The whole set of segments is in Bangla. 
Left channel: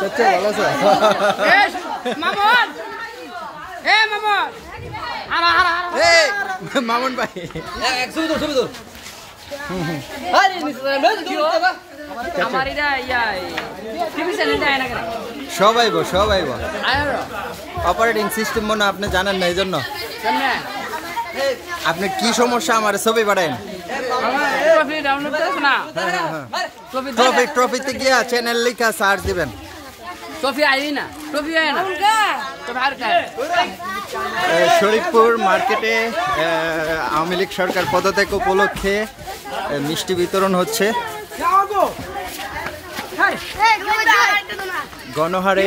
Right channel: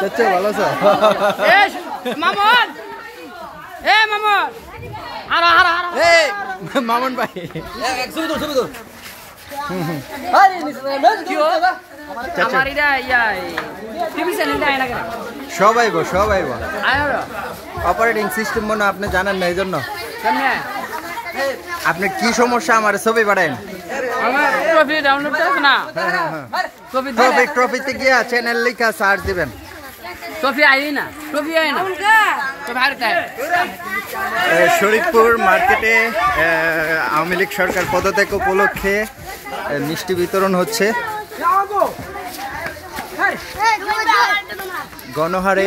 কাচ্চু ভালো আছো? মামুন ভাই সবাই অপারেটিং সিস্টেম মনে আপনি জানেন না, এই জন্য আপনি কি সমস্যা আমার ছবি পাঠান। ট্রফিতে গিয়া চ্যানেল লিখা সার্চ দিবেন। শরীফপুর মার্কেটে আওয়ামী লীগ সরকার পদত্যাগ উপলক্ষে মিষ্টি বিতরণ হচ্ছে। গণহারে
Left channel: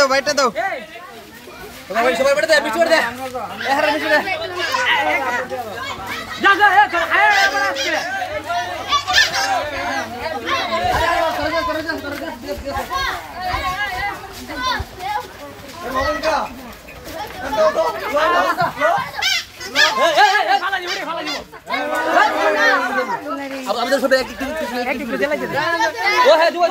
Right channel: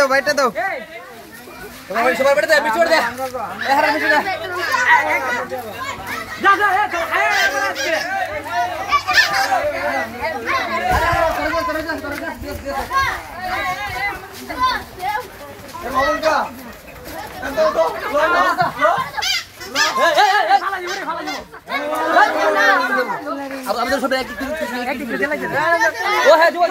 বাইটা দাও সবাই বেটে দে, মিছড় দে, এহারে মিছড় দে। যা যা এ চল আয় আমাদের ছোট এক ও হ্যাঁ জুবা